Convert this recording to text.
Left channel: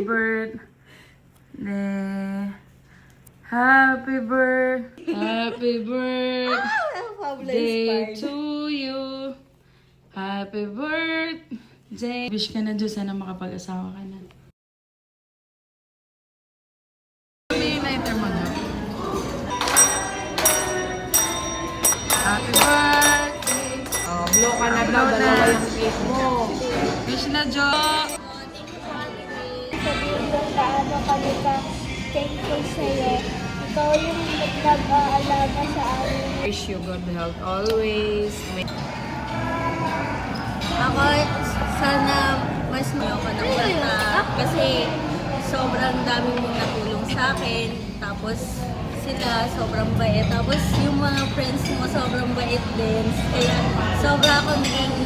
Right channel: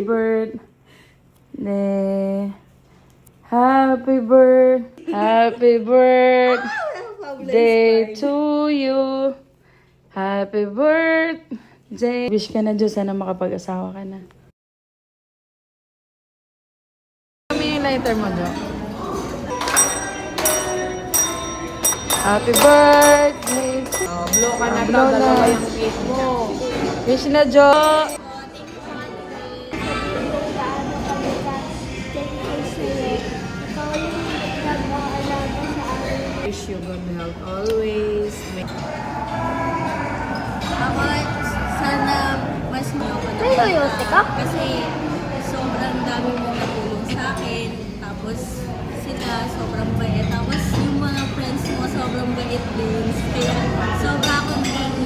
birthday. Happy birthday to you. Happy birthday. Wish ka na, Diyos, sana makapag-asawa ka na. Happy birthday. Oh, blow ka na daw, dalawa yung cake mo. Wish na, Jo. Gaano kami ka-thankful sa'yo. Ikaw yung nag-aalaga sa amin. Wish you good health always. Ako, sana mas niyo ko ng bata. Kasi sobrang dami mong natulong sa akin. Tapos sila sobrang bait. Tapos yung mga friends mo sobrang bait din. Kaya sobra ako naging